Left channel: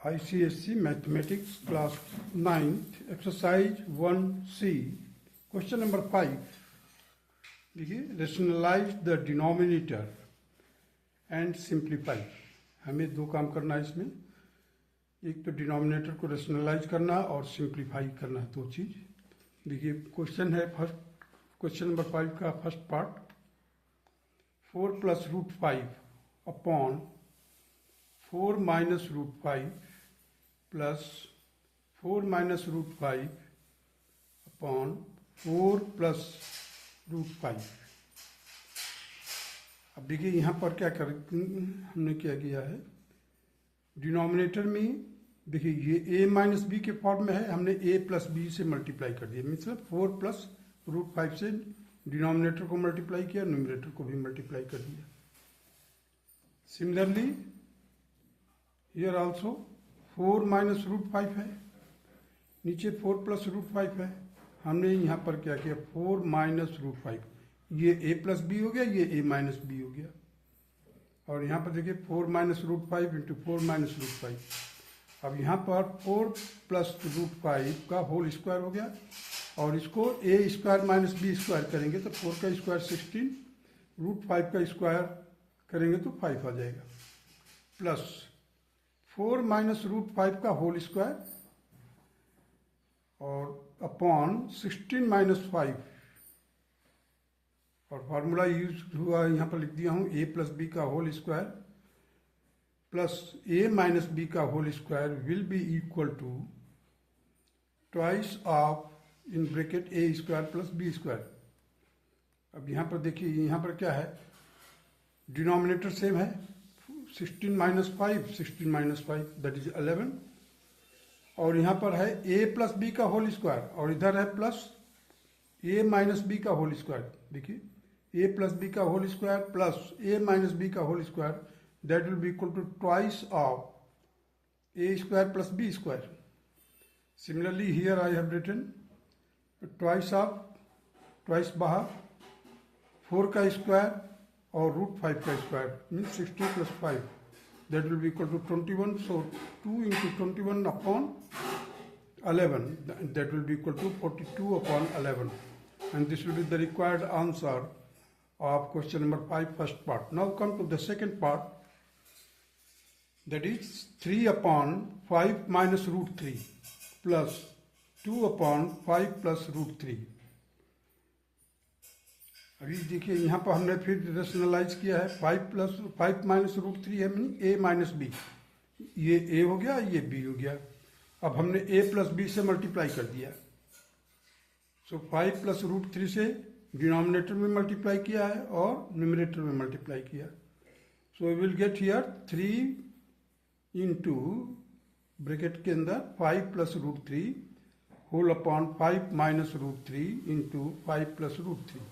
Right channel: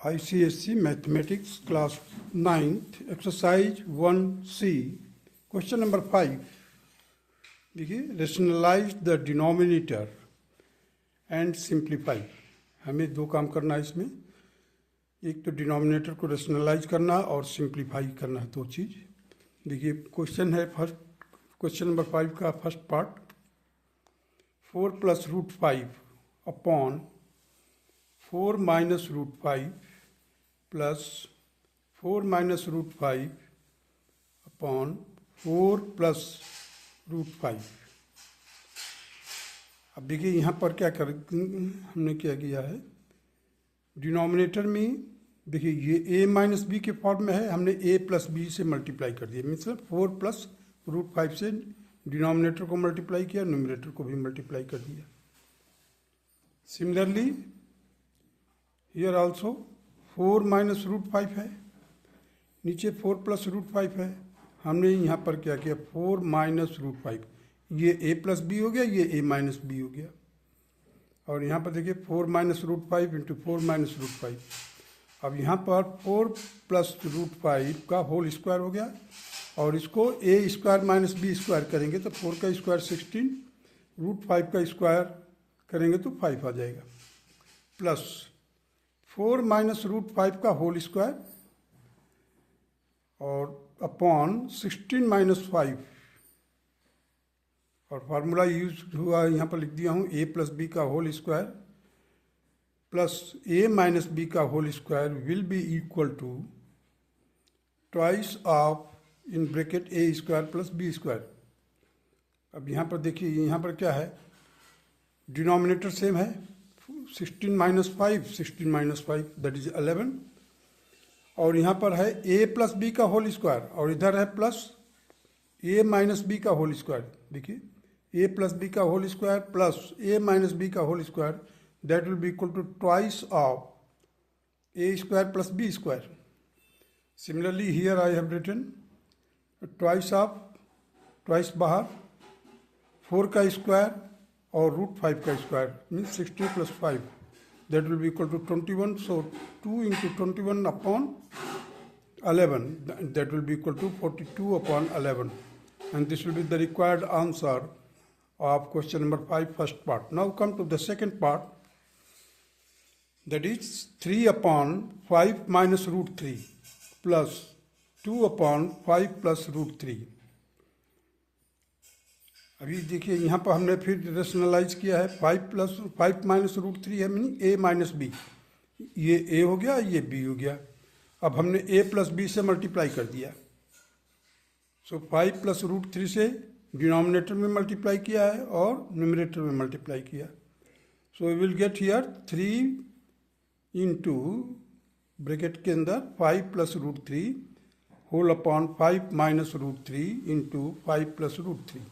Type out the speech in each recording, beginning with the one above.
ICSE mathematics class 9th exercise 1C question number 5। देखिए, rationalize the denominator and simplify. हमें दो काम करना है इसमें, एक तो डिनोमिनेटर को रेशनलाइज करना और सिंप्लीफाई करना है, दो चीज़। देखिए क्वेश्चन है फर्स्ट, क्वेश्चन नंबर 5 का first part, 4 + √5 upon 4 - √5 plus 4 - √5 upon 4 + √5। अब देखिए यहाँ पर क्या कर हमने क्या किया है, डिनोमिनेटर में देखिए ये a - b के फॉर्म में है, हमने a + b से मल्टीप्लाई कर दिया, मतलब 4 + √5 से डिनोमिनेटर को मल्टीप्लाई किया, न्यूमरेटर को भी मल्टीप्लाई कर दिया। सिमिलरली हियर आल्सो 4 - √5 है, नीचे 4 + √5 है, हमने यहाँ पर क्या किया 4 - √5, ये a + b हो गया, ये a - b हो गया। और यहाँ पर देखिए 4 - √5 इंटू 4 - √5। अब यहाँ पर 4 + √5 का होल स्क्वायर हो गया, और इसको a² - b² करेंगे तो 4 का स्क्वायर 16, √5 का स्क्वायर करेंगे तो 5 आ जाएगा, प्लस 4 - √5 का होल स्क्वायर और अपॉन 16 - 5, और फार्मूला यूज हुआ यहाँ पर लिख दिया हूँ a + b का whole square plus a - b का whole square will be equal to twice of in bracket a² + b²। अब यहाँ पर देखिए, यहाँ पर क्या है, डिनोमिनेटर सेम है, 16 - 5 16 - 5 दैट इज 11, और यहाँ पर है a + b का होल स्क्वायर, और इधर है प्लस a - b का होल स्क्वायर। देखिए a + b का whole square plus a - b का whole square, that will be equal to twice of a² + b²। Similarly here I have written twice of, twice बाहर 4 का square और √5 का square means 60 + 5, that will be equal to 21. So 2 × 21 upon 11, that will be equal to 42 upon 11, and this will be the required answer of question number 5 first part. Now come to the second part, that is 3 upon 5 - √3 plus 2 upon 5 plus √3। अभी देखिए यहाँ पर हमने फिर rationalise किया है, 5 - √3 है, meaning a - b, ये a हो गया, ये b हो गया। अब हमने a + b से मल्टीप्लाई कर दिया, सो 5 + √3 से डिनोमिनेटर में मल्टीप्लाई किया है और न्यूमरेटर में मल्टीप्लाई किया, so we will get here 3 into bracket के अंदर 5 + √3 whole upon 5 - √3 into 5 + √3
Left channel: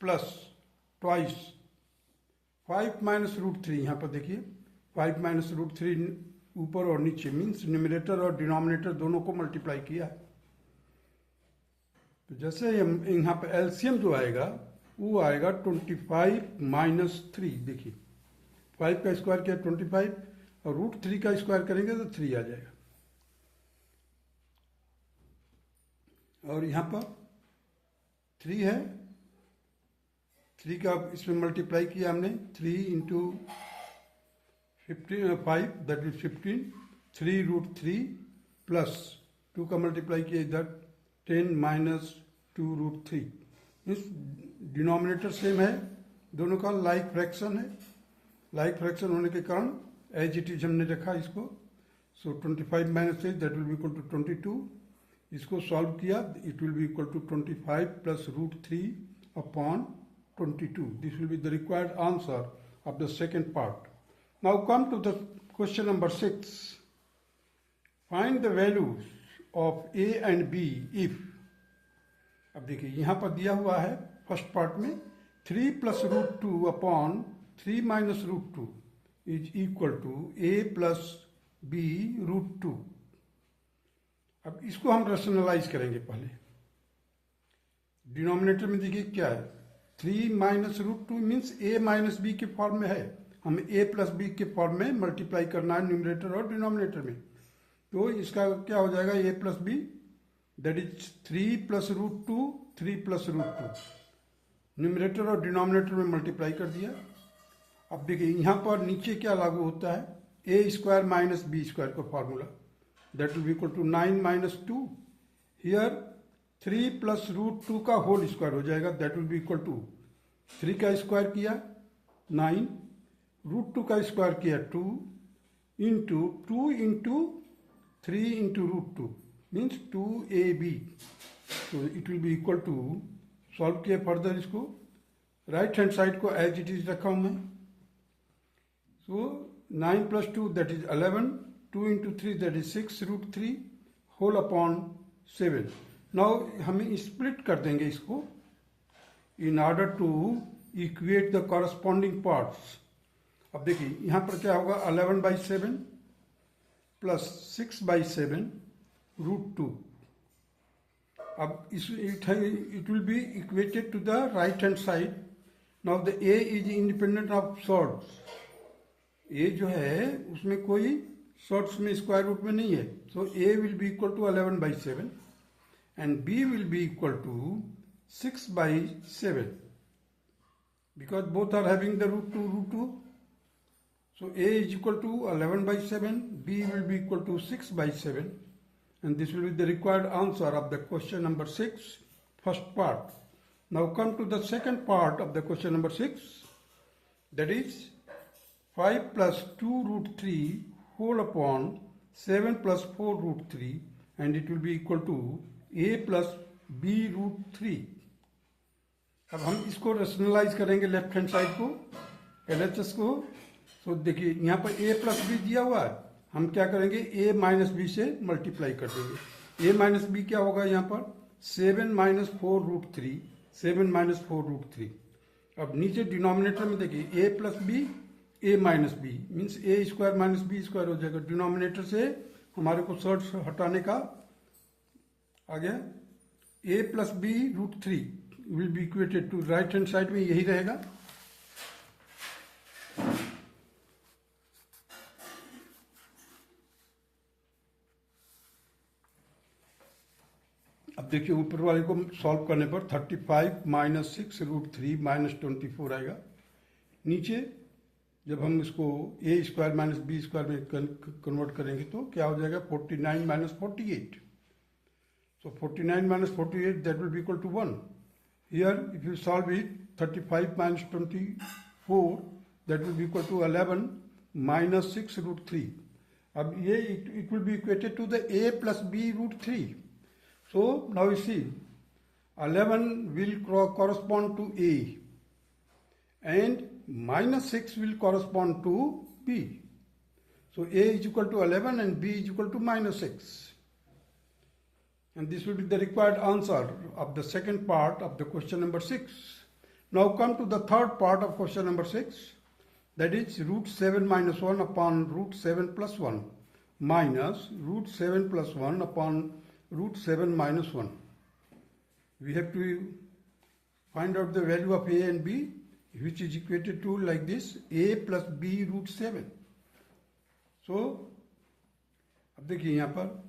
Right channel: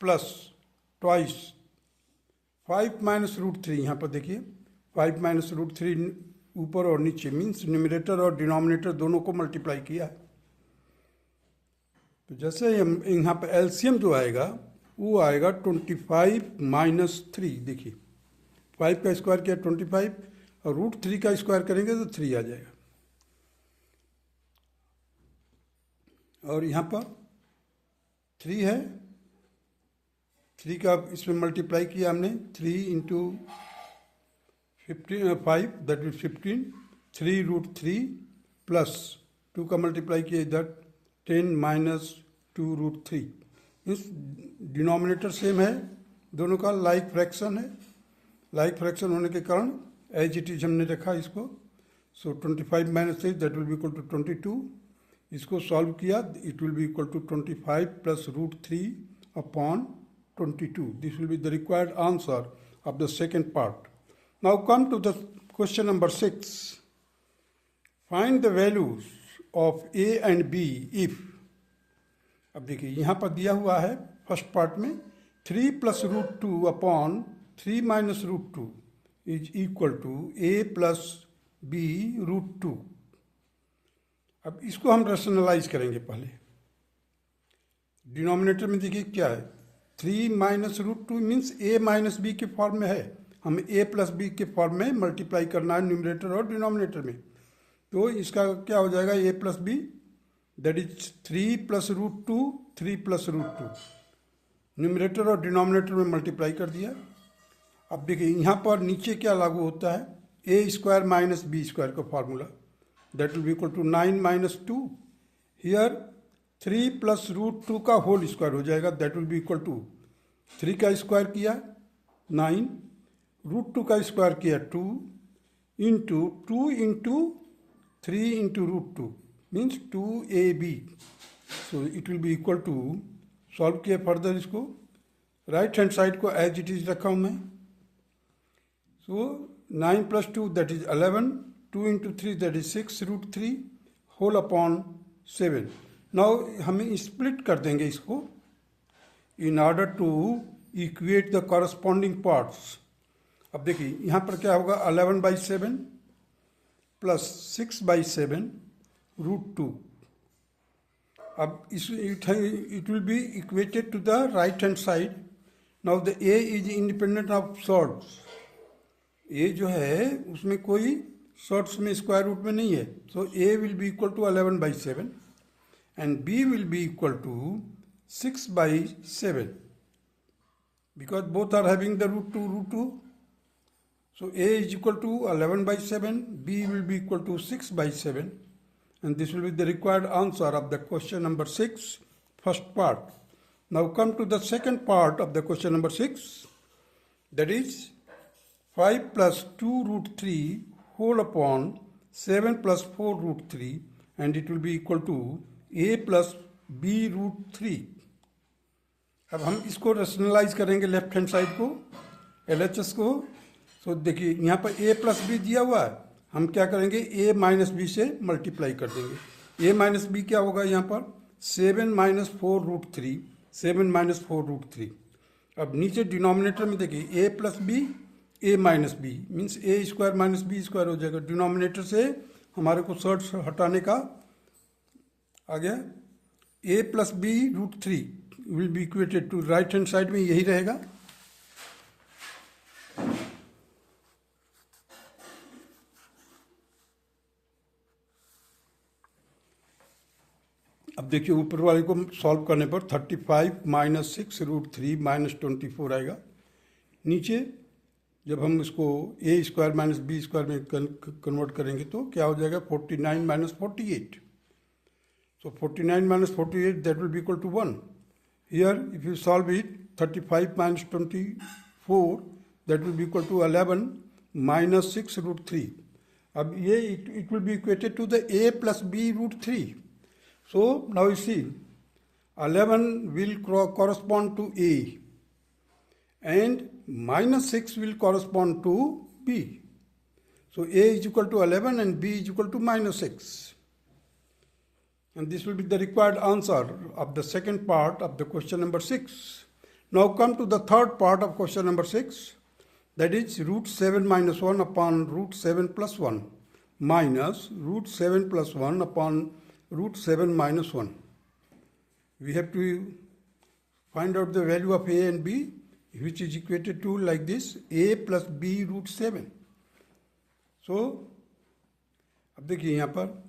plus twice 5 - √3। यहाँ पर देखिए 5 - √3 ऊपर और नीचे मीन्स न्यूमरेटर और डिनोमिनेटर दोनों को मल्टीप्लाई किया है। तो जैसे यहाँ पर एलसीएम जो आएगा वो आएगा 25 - 3। देखिए 5 का स्क्वायर किया 25, और √3 का स्क्वायर करेंगे तो 3 आ जाएगा, और यहाँ पर 3 है, 3 का इसमें मल्टीप्लाई किया हमने, 3 इंटू 5 दैट इज 15, 3 √3 प्लस 2 का मल्टीप्लाई किया इधर 10 - 2 √3। इस डिनोमिनेटर सेम है, दोनों का लाइक फ्रैक्शन है, लाइक फ्रैक्शन होने के कारण एज इट इज हमने रखा इसको। So 25 - 3 that will be equal to 22। इसको सॉल्व किया, it will be equal to 25 + √3 upon 22. This will be the required answer of the second part. Now come to the question number 6. Find the values of a and b if. अब देखिए यहाँ पर दिया हुआ है first part में 3 + √2 upon 3 - √2 is equal to a + b √2। अब इसको हम रेशनलाइज करेंगे। पहले डिनोमिनेटर में देखिए क्या है, 3 - √2 मीन्स a - b के फॉर्म में है, हमें a प्लस बी के फॉर्म में मल्टीप्लाई करना है न्यूमरेटर और डिनोमिनेटर में। तो इसका क्या हो जाएगा, a plus b that is 3 plus root two, 3 plus root two, numerator और डिनोमिनेटर में मल्टीप्लाई कर दिया। अब देखिए यहाँ पर नीचे क्या लागू होता है, a square minus b square का formula, that will be equal to 9 minus 2। Here 3 plus root two का होल स्क्वायर हो जाएगा, that will be equal to 3 का स्क्वायर किया 9, रूट टू का स्क्वायर किया 2 into 3 into root two means 2ab। So it will be equal to, solve किया further इसको, right hand side को एज इट इज रखा हूँ मैं। So 9 plus 2 that is 11, 2 into 3 that is 6 root 3 whole upon 7। Now हम split कर देंगे इसको in order to equate the corresponding parts। अब देखिए यहाँ पर क्या होगा, 11/7 प्लस 6/7 रूट 2। अब it will be equated to the right hand side। now the a is independent of sorts। a जो है उसमें कोई sorts में स्क्वायर रूट में नहीं है, so a will be equal to 11/7 and b will be equal to 6/7 because both are having the root 2. So a is equal to 11/7, b will be equal to 6/7, and this will be the required answer of the question number 6, first part. Now come to the second part of the question number 6, that is 5 plus 2 root 3 whole upon 7 plus 4 root 3, and it will be equal to a plus b root 3। अब हम इसको rationalise करेंगे left hand side को, LHS को। तो देखिए यहाँ पर a प्लस बी दिया हुआ है, हम क्या करेंगे a माइनस बी से मल्टीप्लाई कर देंगे। a माइनस बी क्या होगा यहाँ पर 7 माइनस 4 रूट 3, 7 माइनस 4 रूट 3। अब नीचे डिनोमिनेटर में देखिए a plus b, a minus b means a square minus b square हो जाएगा। डिनोमिनेटर से हमारे को सर्च हटाने का आ गया, a plus b root 3 will be equated to, right hand side में यही रहेगा। अब देखिए ऊपर वाले को सॉल्व करने पर 35 माइनस 6 रूट 3 माइनस 24 आएगा। नीचे जब हम इसको a square minus b square में कन्वर्ट करेंगे तो क्या हो जाएगा, 49 minus 48। So 49 minus 48 that will be equal to 1। Here if you solve it, 35 minus 24 that will be equal to 11 minus 6 root 3। अब ये it will be equated to the a plus b root 3। So now you see 11 will correspond to a and minus 6 will correspond to b। So a is equal to 11 and b is equal to minus 6। And this will be the required answer of the second part of the question number 6. Now come to the third part of question number 6, that is root 7 minus 1 upon root 7 plus 1 minus root 7 plus 1 upon root 7 minus 1. We have to find out the value of a and b, which is equated to like this, a plus b root 7. So अब देखिए यहाँ पर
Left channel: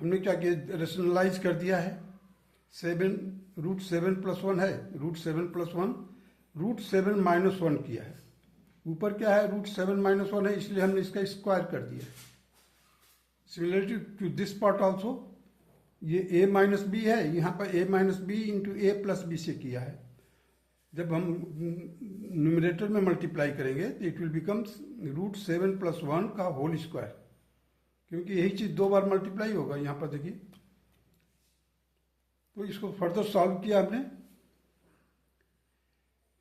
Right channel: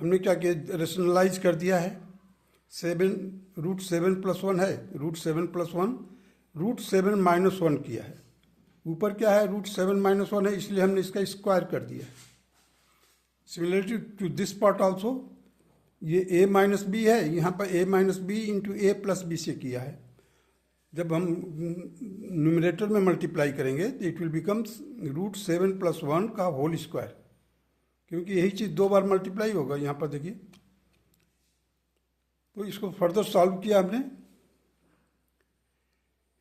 हमने क्या किया, rationalise कर दिया है। 7 रूट 7 प्लस 1 है, रूट 7 प्लस 1 रूट 7 माइनस 1 किया है। ऊपर क्या है, रूट 7 माइनस 1 है, इसलिए हमने इसका स्क्वायर कर दिया है। Similarly to this part also, ये a माइनस बी है, यहाँ पर a minus b into a plus b से किया है। जब हम न्यूमरेटर में मल्टीप्लाई करेंगे तो it will becomes root 7 plus 1 का होल स्क्वायर, क्योंकि यही चीज़ दो बार मल्टीप्लाई होगा। यहाँ पर देखिए, तो इसको फर्दर सॉल्व किया हमने।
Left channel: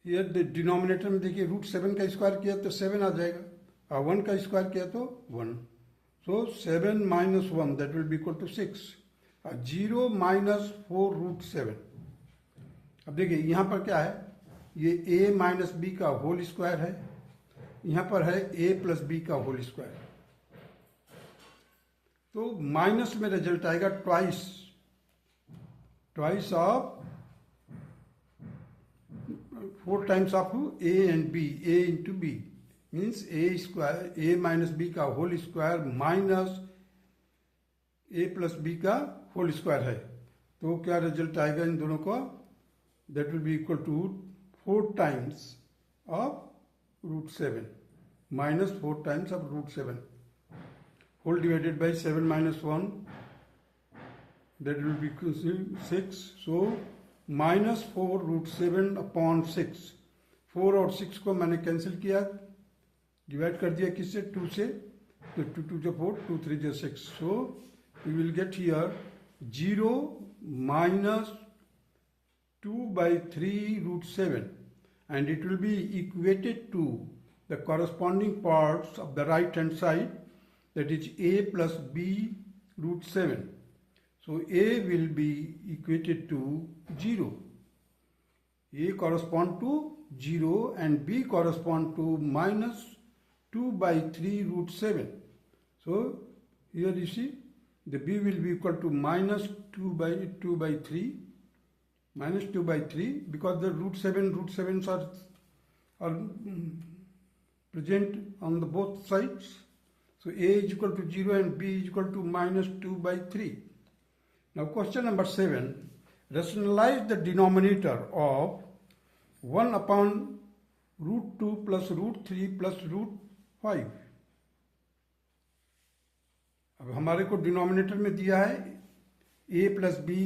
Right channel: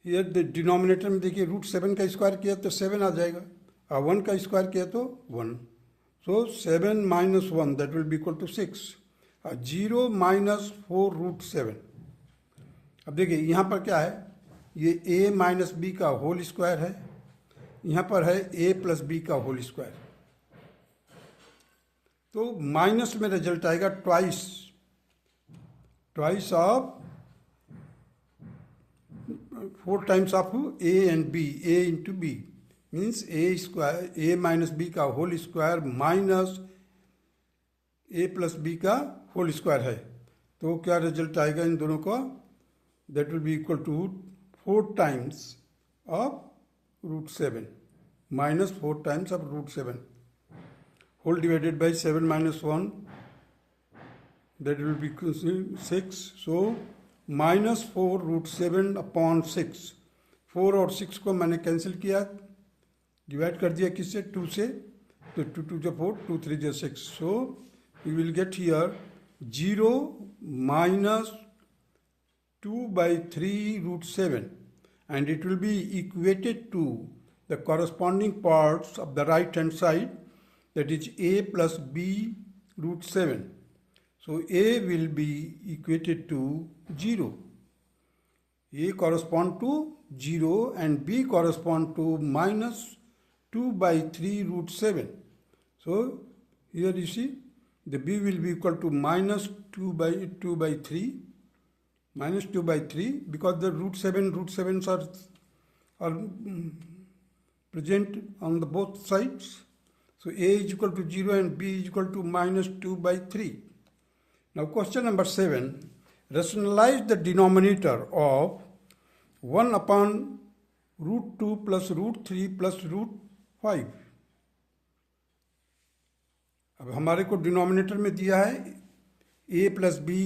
ये डिनोमिनेटर में देखिए रूट 7 का स्क्वायर किया तो 7 आ जाएगा, और 1 का स्क्वायर किया तो 1। So 7 minus 1 that will be equal to 6, और 0 माइनस 4 रूट 7। अब देखिए यहाँ पर क्या है, ये a माइनस बी का होल स्क्वायर है, यहाँ पर है a प्लस बी का होल स्क्वायर। तो माइनस में रिजल्ट आएगा twice of 4 times of a and b, a into b. Means a square a minus b का whole square minus a plus b का होल स्क्वायर है, तो क्या result आएगा इन दोनों का? That will be equal to 4 times of root 7 minus 4 times of root 7 whole divided by 7 minus 1, that will be 6. So minus 4 root 7 upon 6. 4 और 6 को मैंने कैंसिल किया, डिवाइड कर दिया किससे? 2 से, तो 2 2 जो 4, 2 3 जो 6. So we will get here 0 minus 2 by 3 root 7, and it will be equated to the corresponding parts of the right hand side, that is a plus b root 7. So a will be equated to 0. A correspond to 0 and b correspond to minus 2 by 3 root 7. So here you see the b will be equal to minus 2 by 3, minus 2 by 3, because the root 7s are present on the both sides. So a is equal to 0 and b is equal to minus 2 by 3. Now question number 7, rationalize the denominator of 1 upon root 2 plus root 3 plus root 5. अब हमारे को denominator में दिया है a plus B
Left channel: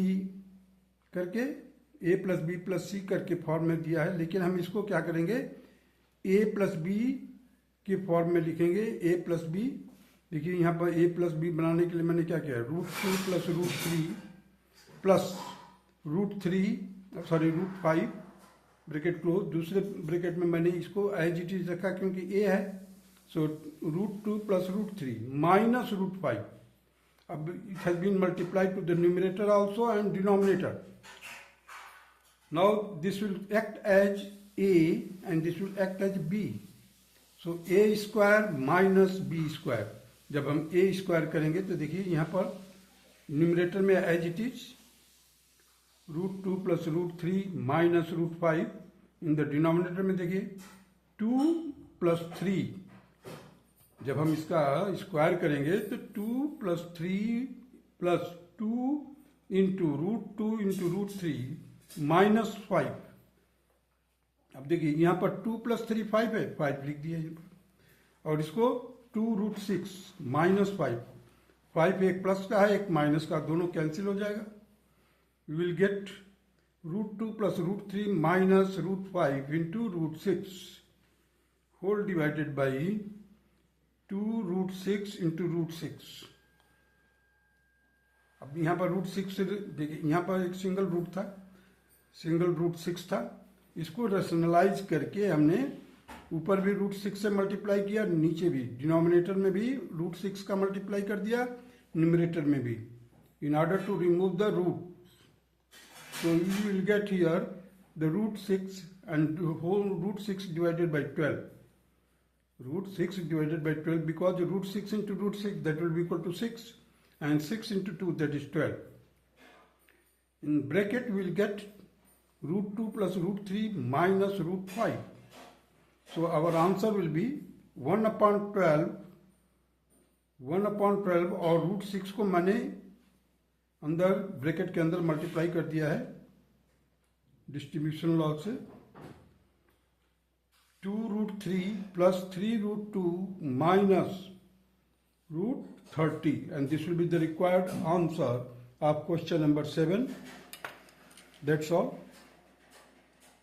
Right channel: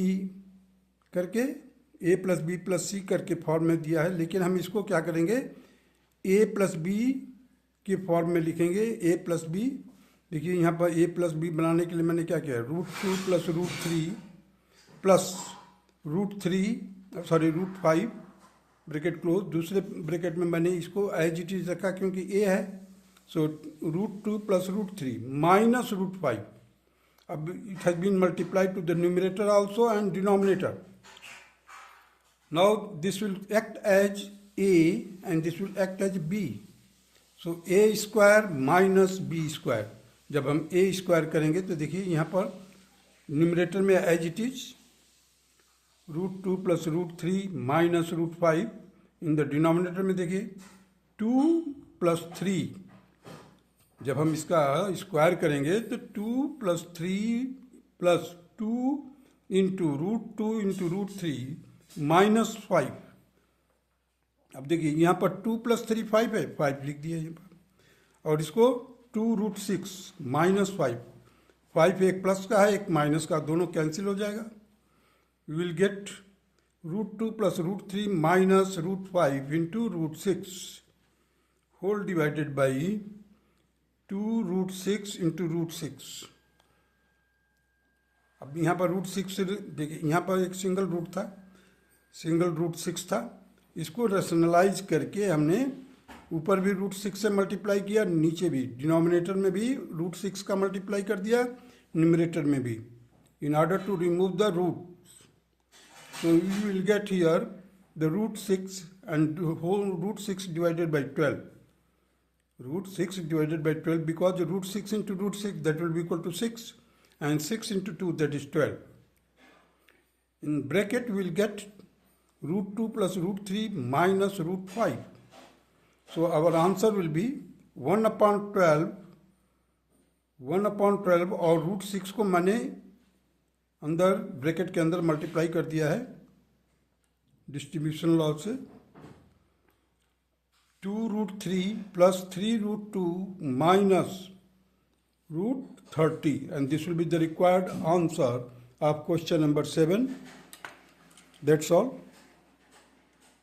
करके, a plus B plus सी करके form में दिया है, लेकिन हम इसको क्या करेंगे? a प्लस बी के फॉर्म में लिखेंगे, a प्लस बी. देखिए यहाँ पर a प्लस बी बनाने के लिए मैंने क्या किया? Root 2 plus root 3 plus root 5 bracket close. दूसरे ब्रैकेट में मैंने इसको एज इट इज रखा क्योंकि a है. So root 2 plus root 3 minus root 5. अब it has been multiplied to the numerator also and denominator. Now this will act as a and this will act as b. So a square minus b square. जब हम a square करेंगे तो देखिए यहाँ पर numerator में as it is root 2 plus root 3 minus root 5. In the denominator में देखिए 2 प्लस 3. जब हम इसका स्क्वायर करेंगे तो 2 plus 3 plus 2 into root 3 minus 5. अब देखिए यहाँ पर 2 प्लस 3 5 है, 5 लिख दिया यहाँ पर. और इसको 2 रूट 6 माइनस 5. 5 एक प्लस का है एक माइनस का, दोनों कैंसिल हो जाएगा. We will get root 2 plus root 3 minus root 5 into root 6 whole divided by 2 root 6 into root 6. अब यहाँ पर रूट 6 देखिए, यहाँ पर एक सिंगल रूट 6 था. इसको रेशनलाइज करके हमने ऊपर भी रूट 6 से मल्टीप्लाई किया, नीचे भी डिनोमिनेटर में भी रूट 6 का मल्टीप्लाई कर दिया, न्यूमरेटर में भी, in order to remove the root. So you will get here the root 6 and whole root 6 divided by 12. Root 6 divided by 12, because the root 6 into root 6, that will be equal to 6, and 6 into 2, that is 12. In bracket we will get root 2 plus root 3 minus root 5. So our answer will be 1 upon 12 और root 6 को मैंने अंदर bracket के अंदर multiply कर दिया है distribution law से. 2 root 3 plus 3 root 2 minus root 30, and this will be the required answer of question number 7. That's all.